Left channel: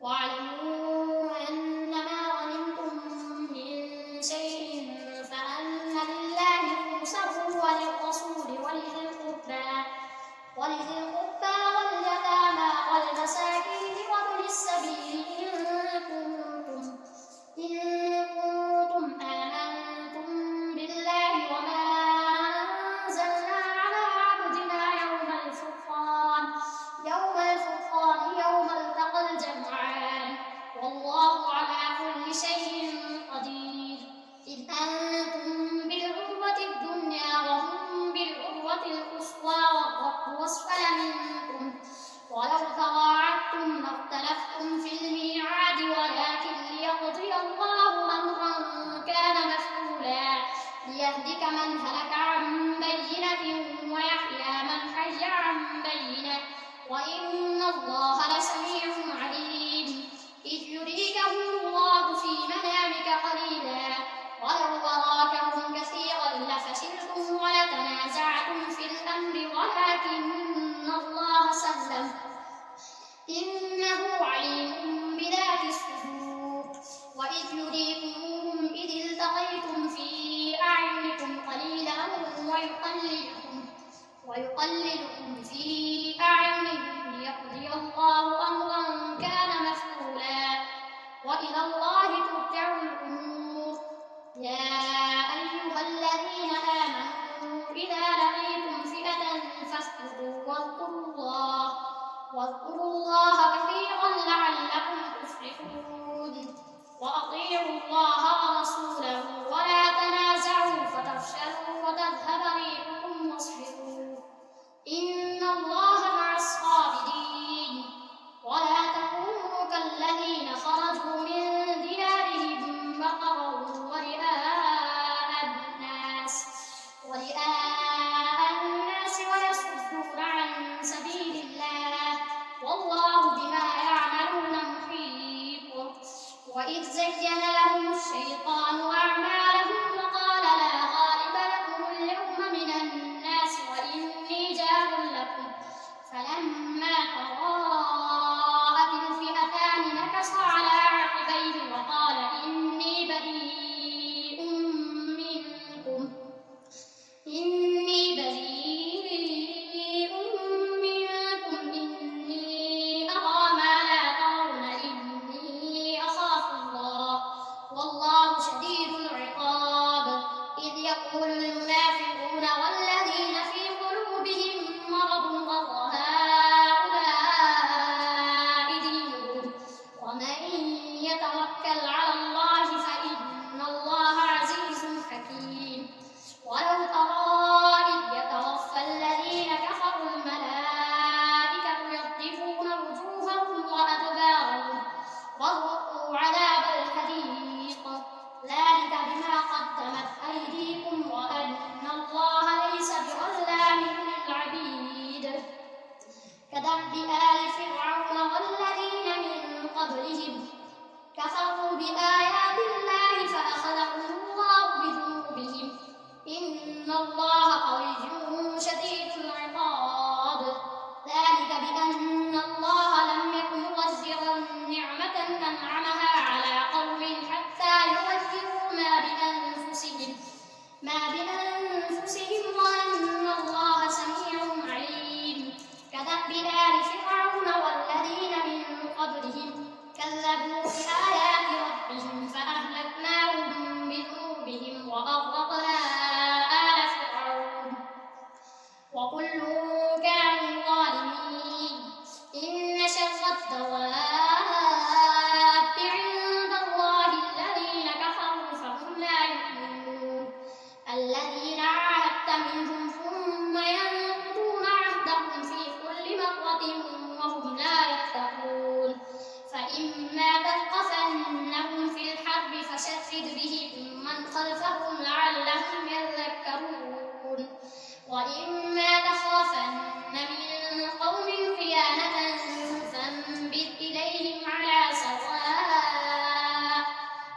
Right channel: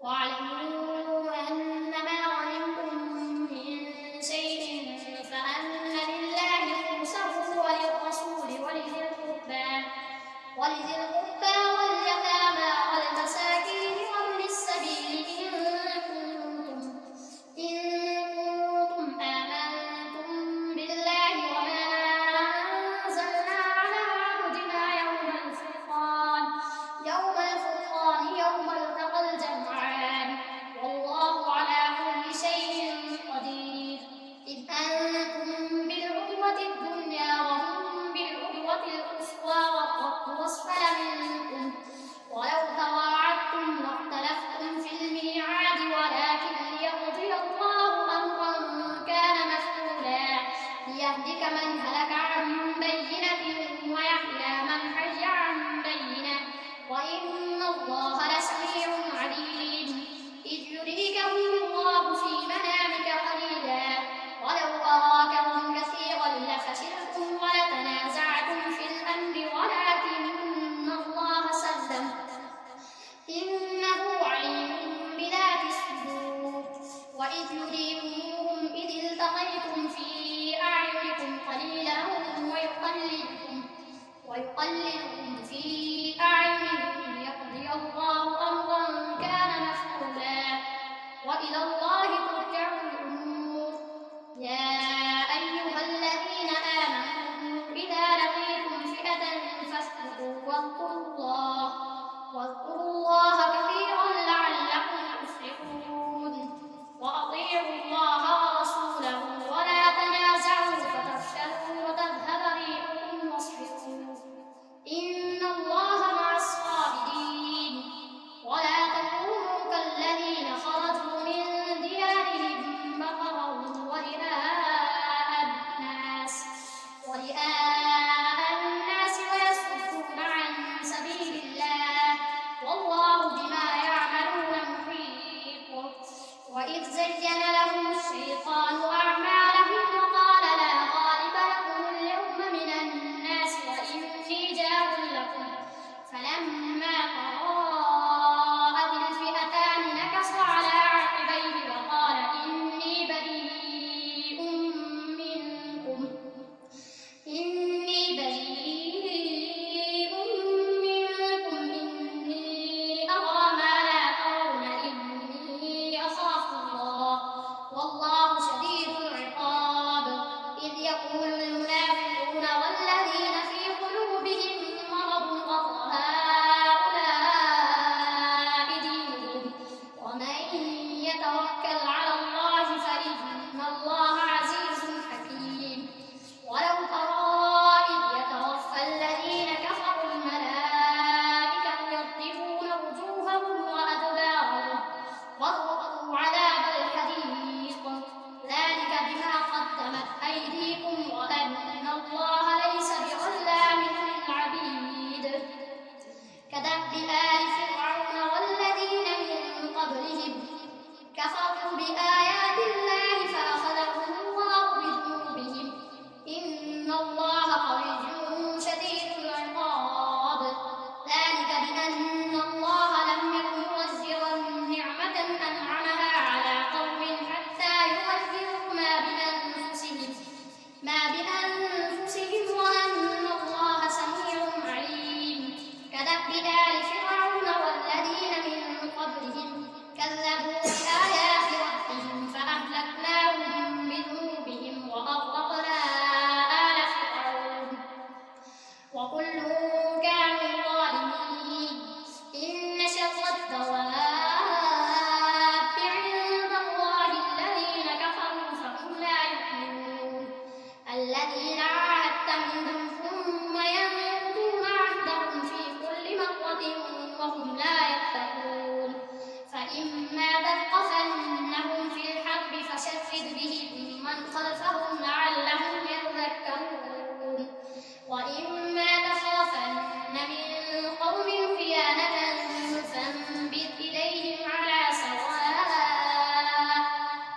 واعلموا أنما غنمتم من شيء فأن لله خمسه وللرسول ولذي القربى واليتامى والمساكين وابن السبيل إن كنتم آمنتم بالله وما أنزلنا على عبدنا يوم التقى الجمعان والله على كل شيء قدير إذ أنتم بالعدوة الدنيا وهم بالعدوة القصوى والركب أسفل منكم ولو تواعدتم لاختلفتم في الميعاد ولكن ليقضي الله أمرا كان مفعولا ليهلك من هلك عن بينة ويحيى من حي عن بينة وإن الله لسميع عليم إذ يريكهم الله في منامك قليلا ولو أراكهم كثيرا لفشلتم ولتنازعتم في الأمر ولكن الله سلم إنه عليم بذات الصدور وإذ يريكموهم إذ التقيتم في أعينكم قليلا ويقللكم في أعينهم ليقضي الله أمرا كان مفعولا وإلى الله ترجع الأمور يا أيها الذين آمنوا إذا لقيتم فئة فاثبتوا واذكروا الله كثيرا لعلكم تفلحون وأطيعوا الله ورسوله ولا تنازعوا فتفشلوا وتذهب ريحكم واصبروا إن الله مع الصابرين ولا تكونوا كالذين خرجوا من ديارهم بطرا ورئاء الناس ويصدون عن سبيل الله والله بما يعملون محيط وإذ زين لهم الشيطان أعمالهم وقال لا غالب لكم اليوم من الناس وإني جار لكم فلما تراءت الفئتان نكص على عقبيه وقال إني بريء منكم إني أرى ما لا ترون إني أخاف الله والله شديد العقاب إذ يقول المنافقون والذين في قلوبهم مرض غر هؤلاء دينهم ومن يتوكل على الله فإن الله عزيز حكيم ولو ترى إذ يتوفى الذين كفروا الملائكة يضربون وجوههم وأدبارهم وذوقوا عذاب الحريق ذلك بما قدمت أيديكم وأن الله ليس بظلام للعبيد كدأب آل فرعون والذين من قبلهم كفروا بآيات الله فأخذهم الله بذنوبهم إن الله قوي شديد العقاب ذلك بأن الله لم يكن مغيرا نعمة أنعمها على قوم حتى يغيروا ما بأنفسهم وأن الله سميع عليم كدأب آل فرعون والذين من قبلهم كذبوا بآيات ربهم فأهلكناهم بذنوبهم وأغرقنا آل فرعون وكل كانوا ظالمين إن شر الدواب عند الله الذين كفروا فهم لا يؤمنون الذين عاهدت منهم ثم ينقضون عهدهم في كل مرة وهم لا يتقون فإما تثقفنهم في الحرب فشرد بهم من خلفهم لعلهم يذكرون وإما تخافن من قوم خيانة فانبذ إليهم على سواء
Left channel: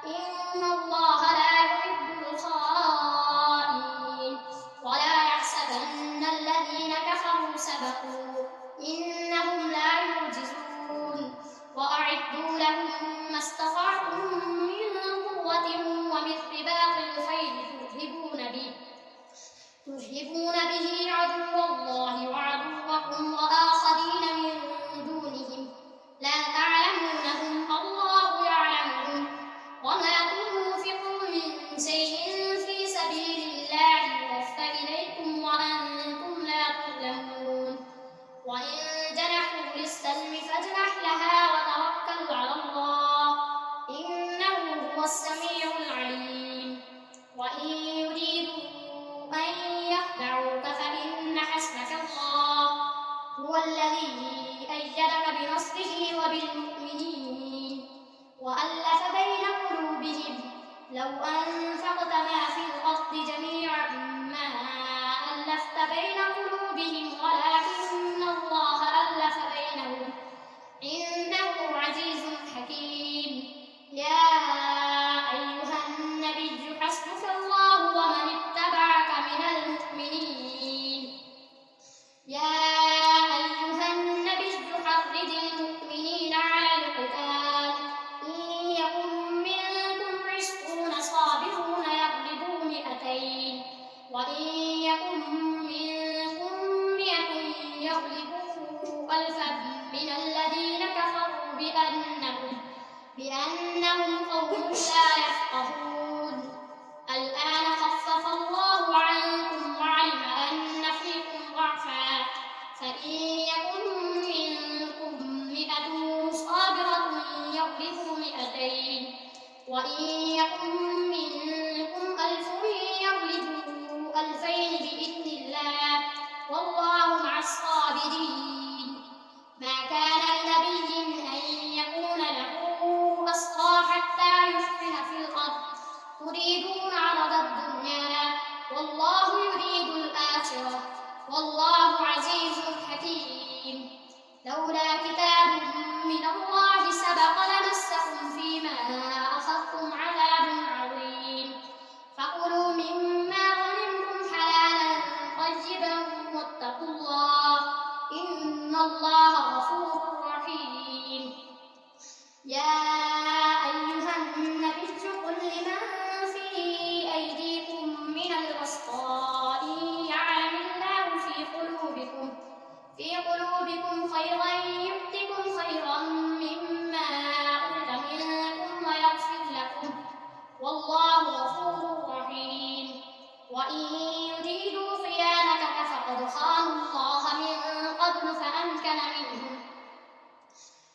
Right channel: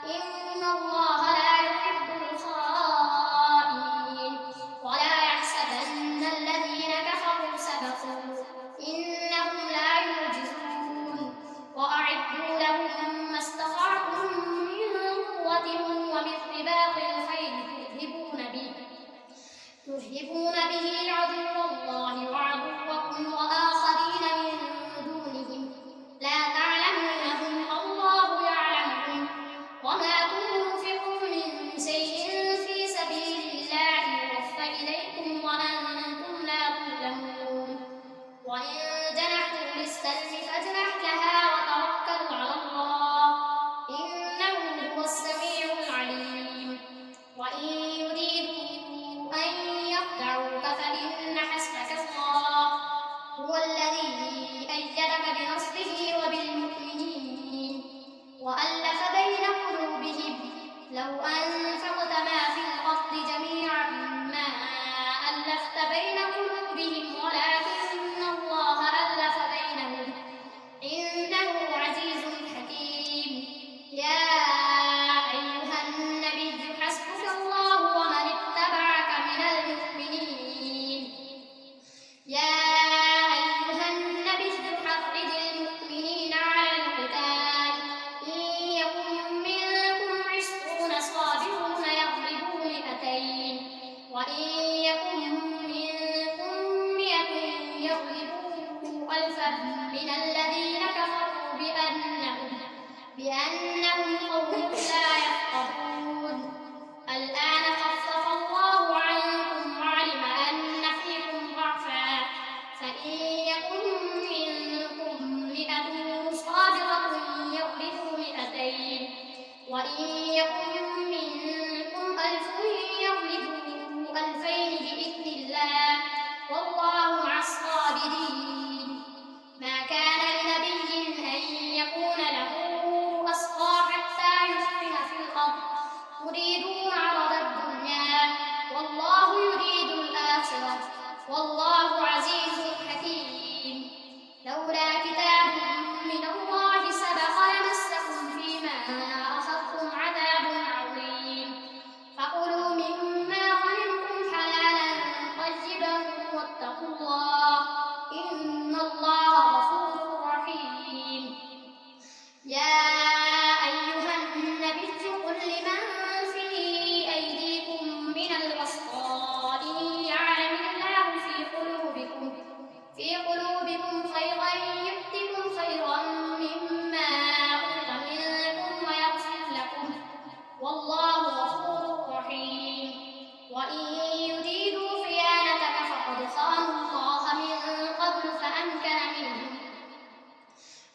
إن الله لا يحب الخائنين ولا يحسبن الذين كفروا سبقوا إنهم لا يعجزون وأعدوا لهم ما استطعتم من قوة ومن رباط الخيل ترهبون به عدو الله وعدوكم وآخرين من دونهم لا تعلمونهم الله يعلمهم وما تنفقوا من شيء في سبيل الله يوفى إليكم وأنتم لا تظلمون وإن جنحوا للسلم فاجنح لها وتوكل على الله إنه هو السميع العليم وإن يريدوا أن يخدعوك فإن حسبك الله هو الذي أيدك بنصره وبالمؤمنين وألف بين قلوبهم لو أنفقت ما في الأرض جميعا ما ألفت بين قلوبهم ولكن الله ألف بينهم إنه عزيز حكيم يا أيها النبي حسبك الله ومن اتبعك من المؤمنين يا أيها النبي حرض المؤمنين على القتال إن يكن منكم 20 صابرون يغلبوا 200 وإن يكن منكم 100 يغلبوا 1000 من الذين كفروا بأنهم قوم لا يفقهون الآن خفف الله عنكم وعلم أن فيكم ضعفا فإن يكن منكم 100 صابرة يغلبوا 200 وإن يكن منكم 1000 يغلبوا 2000 بإذن الله والله مع الصابرين ما كان لنبي أن يكون له أسرى حتى يثخن في الأرض تريدون عرض الدنيا والله يريد الآخرة والله عزيز حكيم لولا كتاب من الله سبق لمسكم فيما أخذتم عذاب عظيم فكلوا مما غنمتم حلالا طيبا واتقوا الله إن الله غفور رحيم يا أيها النبي قل لمن في أيديكم من الأسرى إن يعلم الله في قلوبكم خيرا يؤتكم خيرا مما أخذ منكم ويغفر لكم والله غفور رحيم وإن يريدوا خيانتك فقد خانوا الله من قبل فأمكن منهم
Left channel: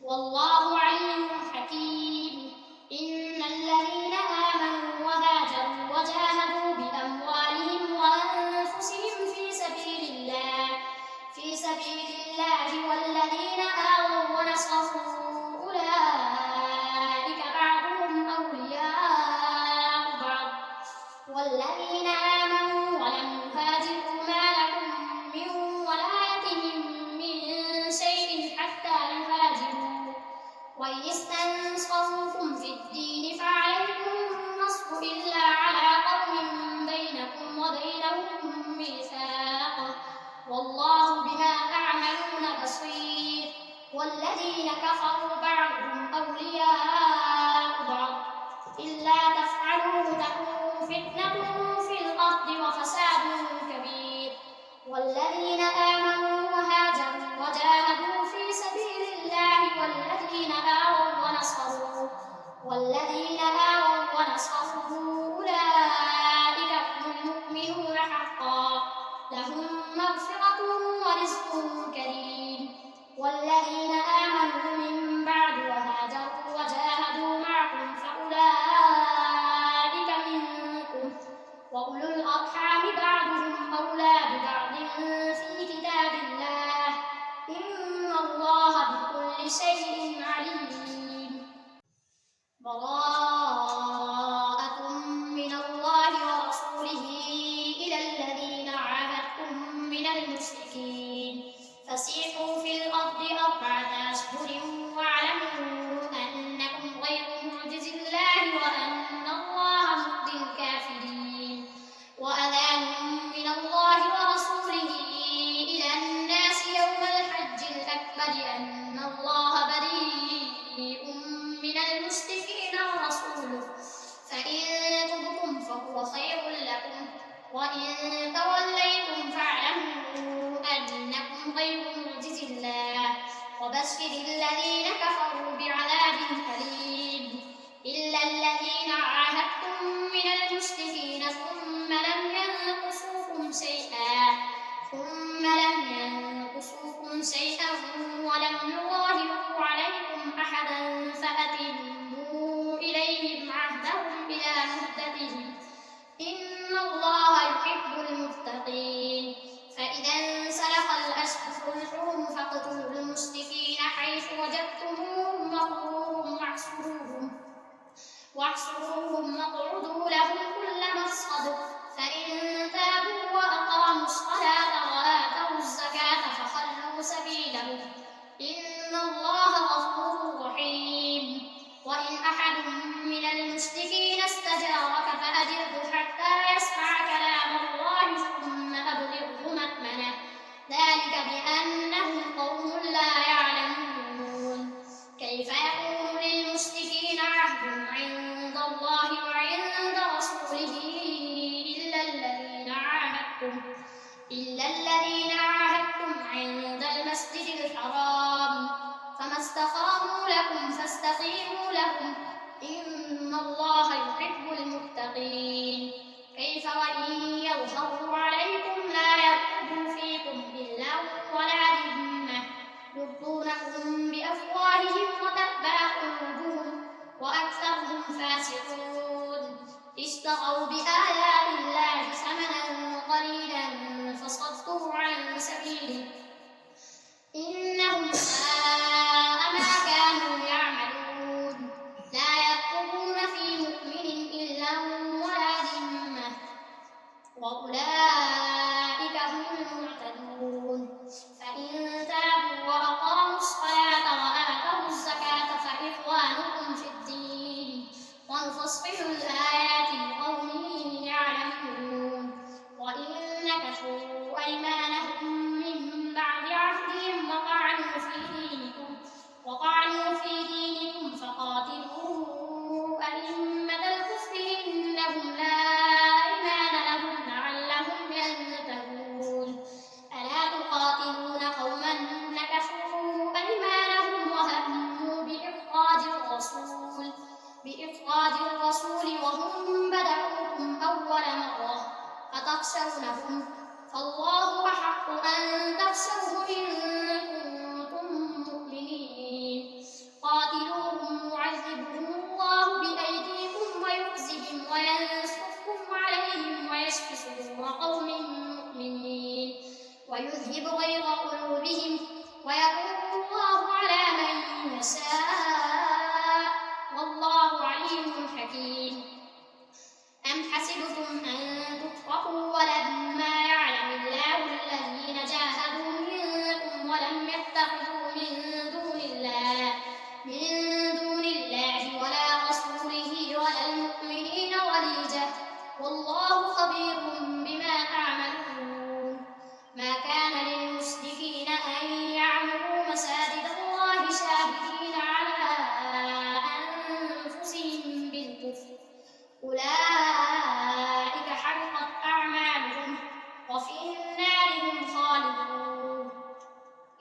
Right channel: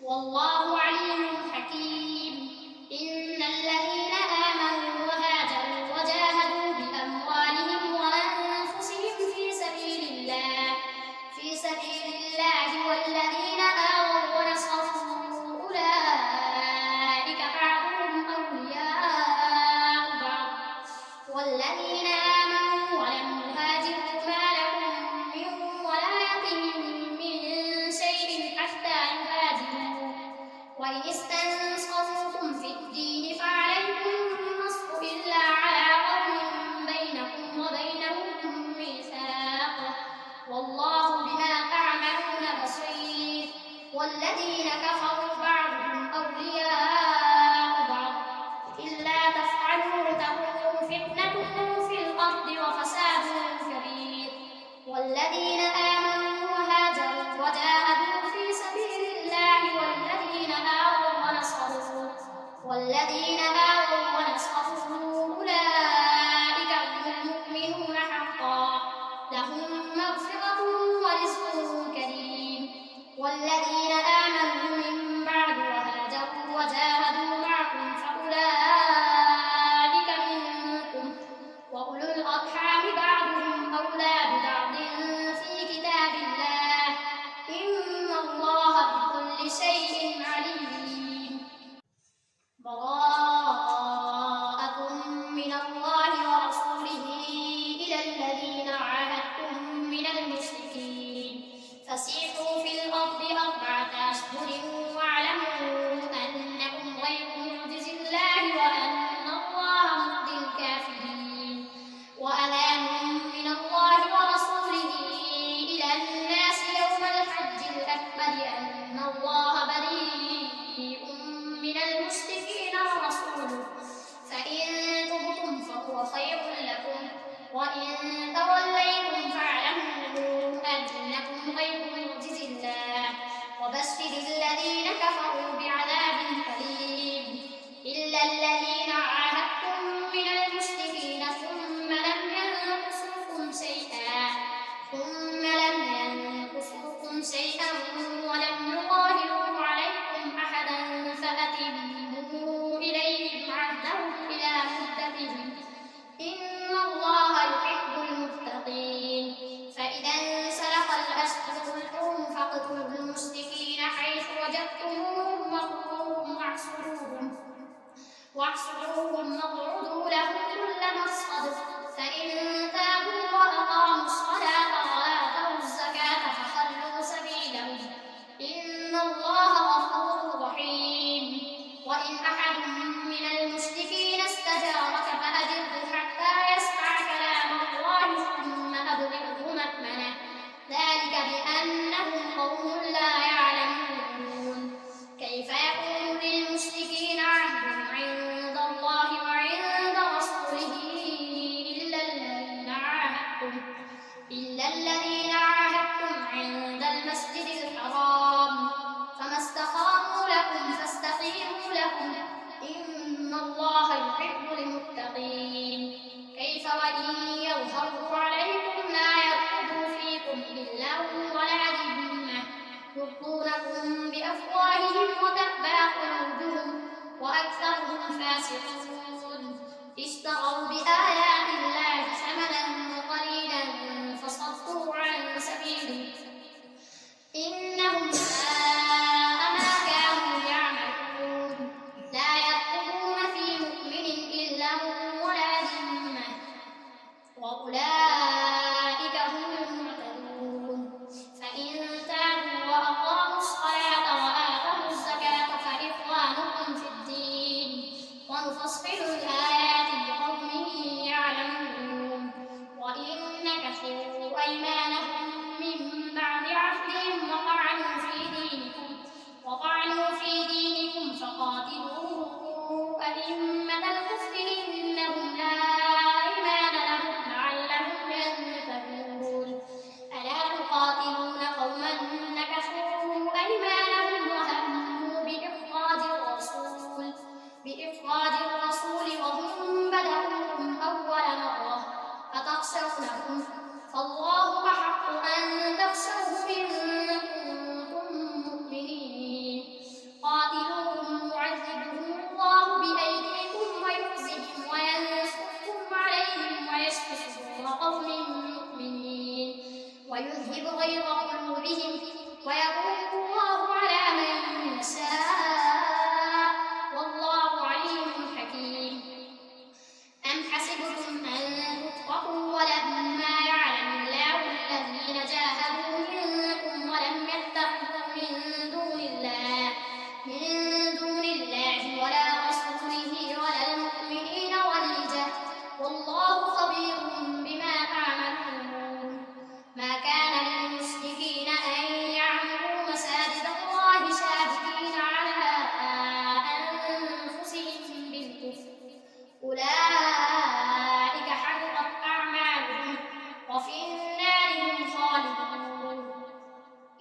والله عليم حكيم إن الذين آمنوا وهاجروا وجاهدوا بأموالهم وأنفسهم في سبيل الله والذين آووا ونصروا أولئك بعضهم أولياء بعض والذين آمنوا ولم يهاجروا ما لكم من ولايتهم من شيء حتى يهاجروا وإن استنصروكم في الدين فعليكم النصر إلا على قوم بينكم وبينهم ميثاق والله بما تعملون بصير والذين كفروا بعضهم أولياء بعض إلا تفعلوا تكن فتنة في الأرض وفساد كبير والذين آمنوا وهاجروا وجاهدوا في سبيل الله والذين آووا ونصروا أولئك هم المؤمنون حقا لهم مغفرة ورزق كريم والذين آمنوا من بعد وهاجروا وجاهدوا معكم فأولئك منكم وأولو الأرحام بعضهم أولى ببعض في كتاب الله إن الله بكل شيء عليم براءة من الله ورسوله إلى الذين عاهدتم من المشركين فسيحوا في الأرض 4 أشهر واعلموا أنكم غير معجز الله وأن الله مخزي الكافرين وأذان من الله ورسوله إلى الناس يوم الحج الأكبر أن الله بريء من المشركين ورسوله فإن تبتم فهو خير لكم وإن توليتم فاعلموا أنكم غير معجز الله وبشر الذين كفروا بعذاب أليم إلا الذين عاهدتم من المشركين ثم لم ينقصوكم شيئا ولم يظاهروا عليكم أحدا فأتموا إليهم عهدهم إلى مدتهم إن الله يحب المتقين فإذا انسلخ الأشهر الحرم فاقتلوا المشركين حيث وجدتموهم وخذوهم واحصروهم واقعدوا لهم كل مرصد فإن تابوا وأقاموا الصلاة وآتوا الزكاة فخلوا سبيلهم إن الله غفور رحيم وإن أحد من المشركين استجارك فأجره حتى يسمع كلام الله ثم أبلغه مأمنه ذلك بأنهم قوم لا يعلمون كيف يكون للمشركين عهد عند الله وعند رسوله إلا الذين عاهدتم عند المسجد الحرام فما استقاموا لكم فاستقيموا لهم إن الله يحب المتقين كيف وإن يظهروا عليكم لا يرقبوا فيكم إلا ولا ذمة يرضونكم بأفواههم وتأبى قلوبهم وأكثرهم فاسقون اشتروا بآيات الله ثمنا قليلا فصدوا عن سبيله إنهم ساء ما كانوا يعملون لا يرقبون في مؤمن إلا ولا ذمة وأولئك هم المعتدون فإن تابوا وأقاموا الصلاة وآتوا الزكاة فإخوانكم في الدين ونفصل الآيات لقوم يعلمون وإن نكثوا أيمانهم من بعد عهدهم وطعنوا في دينكم فقاتلوا أئمة الكفر إنهم لا أيمان لهم لعلهم ينتهون ألا تقاتلون قوما نكثوا أيمانهم وهموا بإخراج الرسول وهم بدأوكم أول مرة أتخشونهم فالله أحق أن تخشوه إن كنتم مؤمنين قاتلوهم يعذبهم الله بأيديكم ويخزهم وينصركم عليهم ويشف صدور قوم مؤمنين ويذهب غيظ قلوبهم ويتوب الله على من يشاء والله عليم حكيم أم حسبتم أن تتركوا ولما يعلم الله الذين جاهدوا منكم ولم يتخذوا من دون الله ولا رسوله ولا المؤمنين وليجة والله خبير بما تعملون ما كان للمشركين أن يعمروا مساجد الله شاهدين على أنفسهم بالكفر أولئك حبطت أعمالهم وفي النار هم خالدون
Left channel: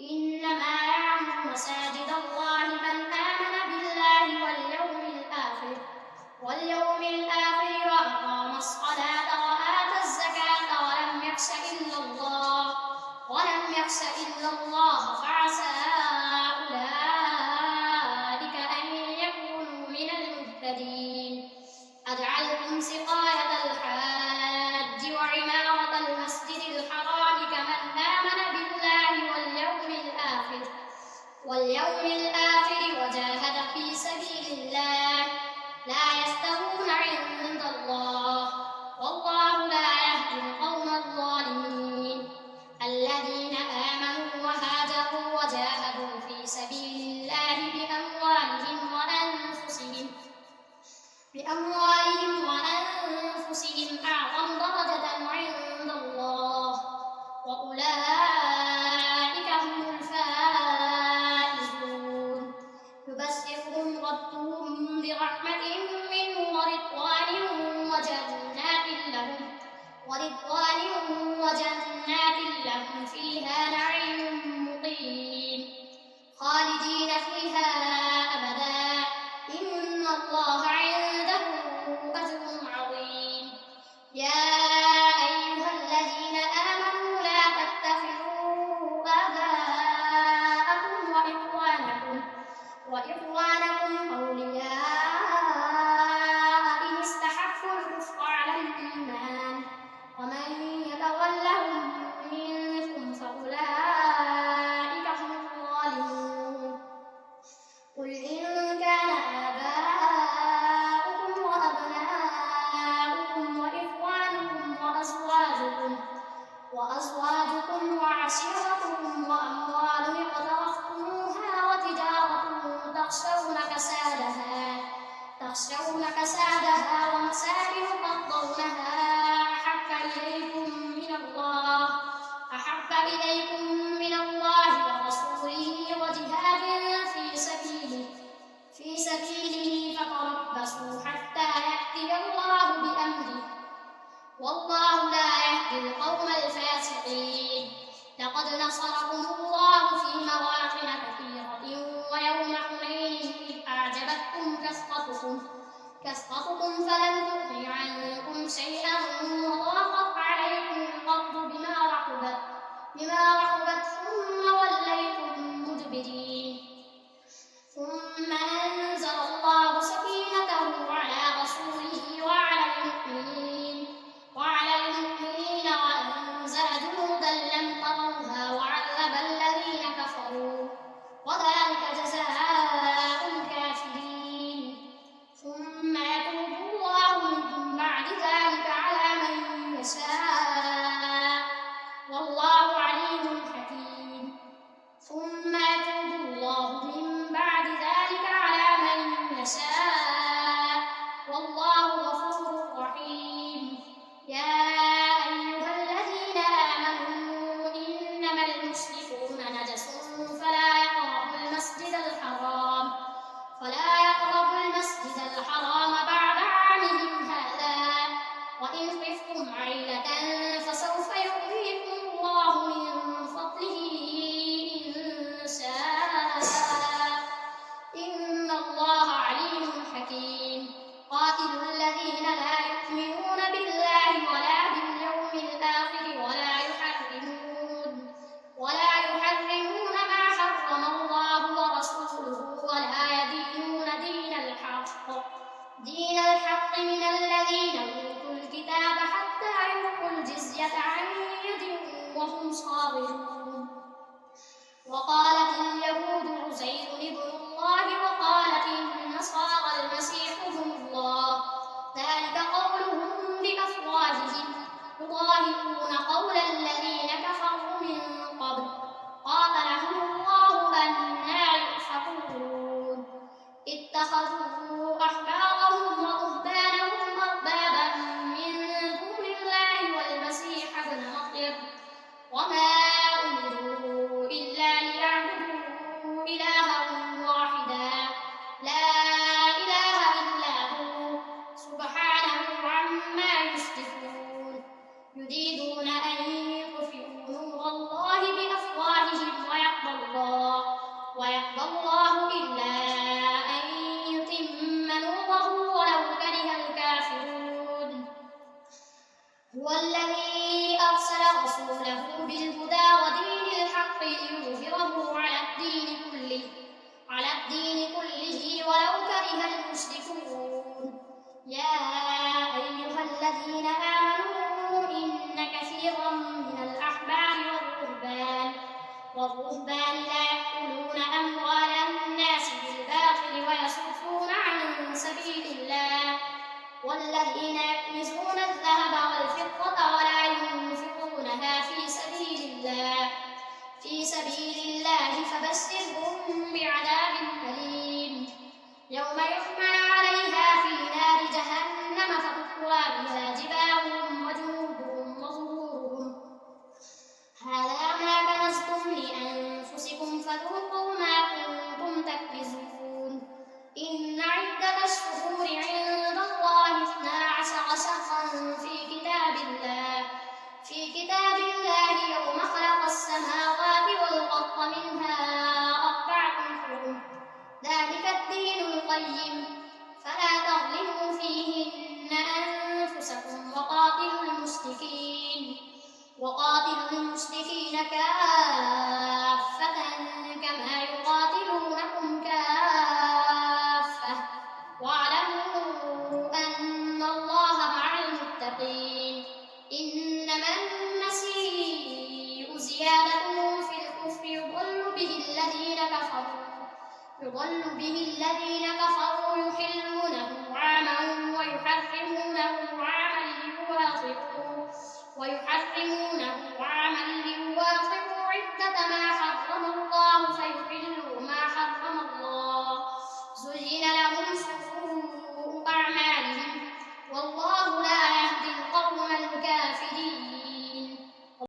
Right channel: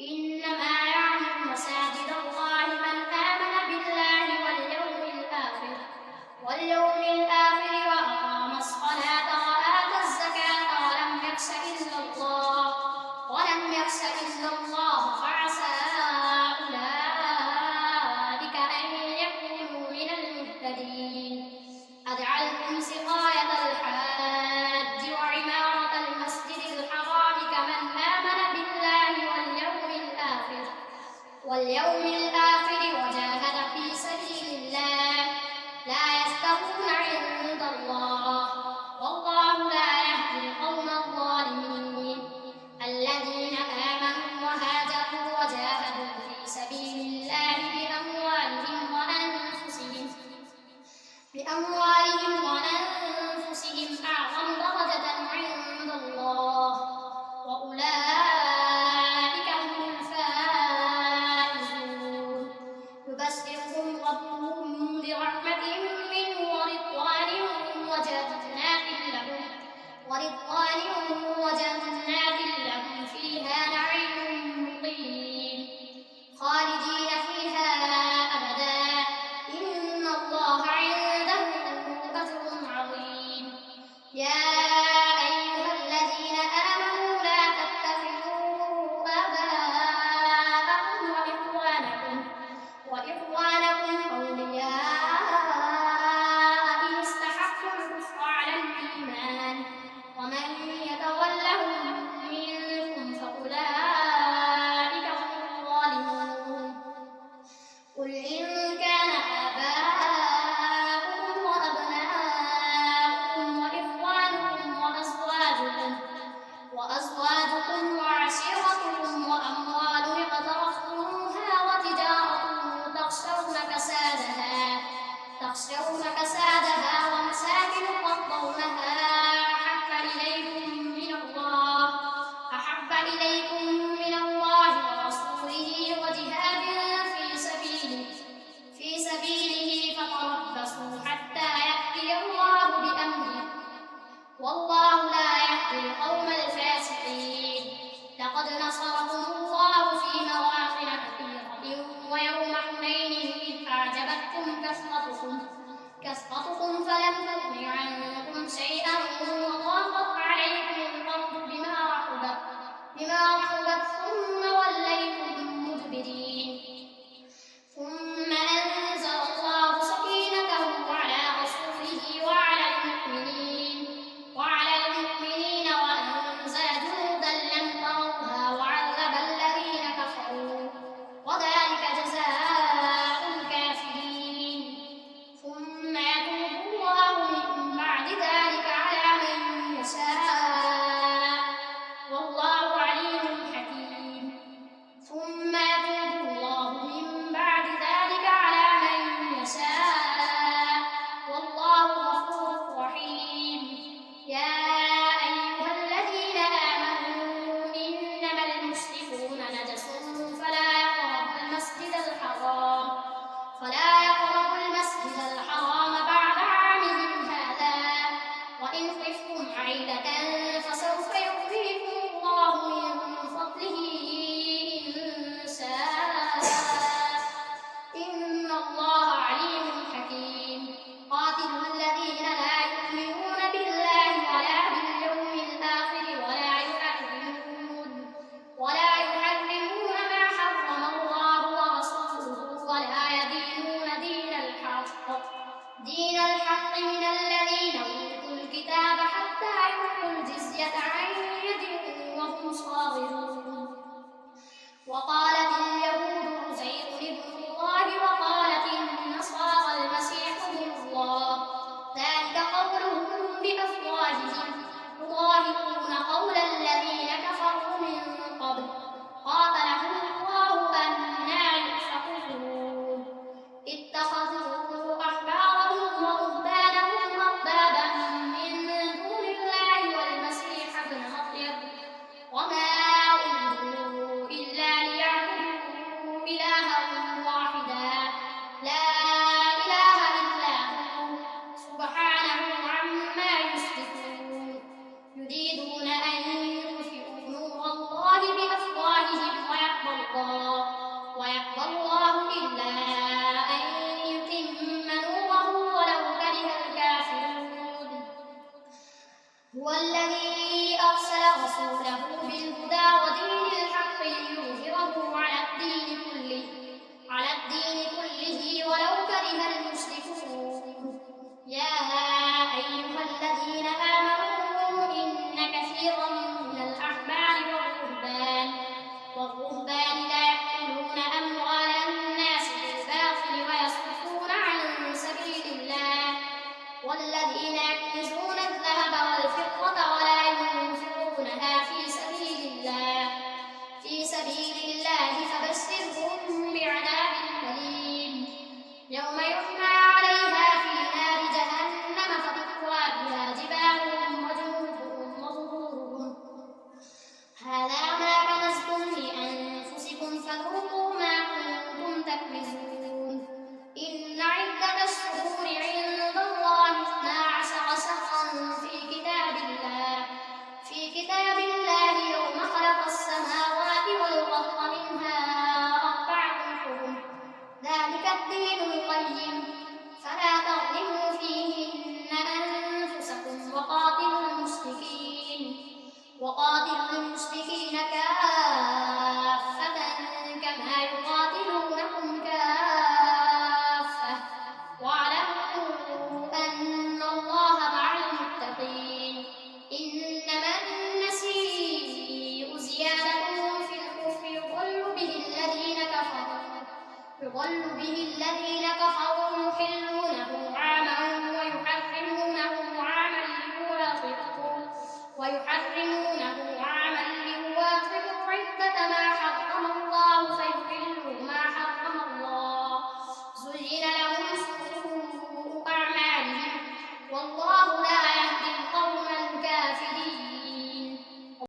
إنما يعمر مساجد الله من آمن بالله واليوم الآخر وأقام الصلاة وآتى الزكاة ولم يخش إلا الله فعسى أولئك أن يكونوا من المهتدين أجعلتم سقاية الحاج وعمارة المسجد الحرام كمن آمن بالله واليوم الآخر وجاهد في سبيل الله لا يستوون عند الله والله لا يهدي القوم الظالمين الذين آمنوا وهاجروا وجاهدوا في سبيل الله بأموالهم وأنفسهم أعظم درجة عند الله وأولئك هم الفائزون يبشرهم ربهم ورحمة منه ورضوان وجنات لهم فيها نعيم مقيم خالدين فيها أبدا إن الله عنده أجر عظيم. يا أيها الذين آمنوا لا تتخذوا آباءكم وإخوانكم أولياء إن استحبوا الكفر على الإيمان ومن يتولهم منكم فأولئك هم الظالمون. قل إن كان آباؤكم وأبناؤكم وإخوانكم وأزواجكم وعشيرتكم وأموال اقترفتموها وتجارة تخشون كسادها ومساكن ترضونها أحب إليكم من الله ورسوله وجهاد في سبيله فتربصوا حتى يأتي الله بأمره والله لا يهدي القوم الفاسقين. لقد نصركم الله في مواطن كثيرة ويوم حنين إذ أعجبتكم كثرتكم فلم تغن عنكم شيئا وضاقت عليكم الأرض بما رحبت ثم وليتم مدبرين. ثم أنزل الله سكينته على رسوله وعلى المؤمنين وأنزل جنودا لم تروها وعذب الذين كفروا وذلك جزاء الكافرين. ثم يتوب الله من بعد ذلك على من يشاء والله عليم حكيم. ثم يتوب الله من بعد ذلك على من يشاء والله غفور رحيم. يا أيها الذين آمنوا إنما المشركون نجس فلا يقربوا المسجد الحرام بعد عامهم هذا وإن خفتم عيلة فسوف يغنيكم الله من فضله إن شاء إن الله عليم حكيم. قاتلوا الذين لا يؤمنون بالله ولا باليوم الآخر ولا يحرمون ما حرم الله ورسوله ولا يدينون دين الحق من الذين أوتوا الكتاب حتى يعطوا الجزية عن يد وهم صاغرون. وقالت اليهود عزير ابن الله وقالت النصارى المسيح ابن الله ذلك قولهم بأفواههم يضاهئون قول الذين كفروا من قبل قاتلهم الله أنى يؤفكون. اتخذوا أحبارهم ورهبانهم أربابا من دون الله والمسيح ابن مريم وما أمروا إلا ليعبدوا إلها واحدا لا إله إلا هو سبحانه عما يشركون. يريدون أن يطفئوا نور الله بأفواههم ويأبى الله إلا أن يتم نوره ولو كره الكافرون. هو الذي أرسل رسوله بالهدى ودين الحق ليظهره على الدين كله ولو كره المشركون. يا أيها الذين آمنوا إن كثيرا من الأحبار والرهبان لا يأكلون أموال الناس بالباطل ويصدون عن سبيل الله والذين يكنزون الذهب والفضة ولا ينفقونها في سبيل الله فبشرهم بعذاب أليم. يوم يحمى عليها في نار جهنم فتكوى بها جباههم وجنوبهم وظهورهم هذا ما كنزتم لأنفسكم فذوقوا ما كنتم تكنزون. إن عدة الشهور الدين القيم فلا تظلموا فيهن أنفسكم وقاتلوا المشركين كافة كما يقاتلونكم كافة واعلموا أن الله مع المتقين إنما النسيء زيادة في الكفر يضل به الذين كفروا يحلونه عاما ويحرمونه عاما ليواطئوا عدة ما حرم الله فيحلوا ما حرم الله زين لهم سوء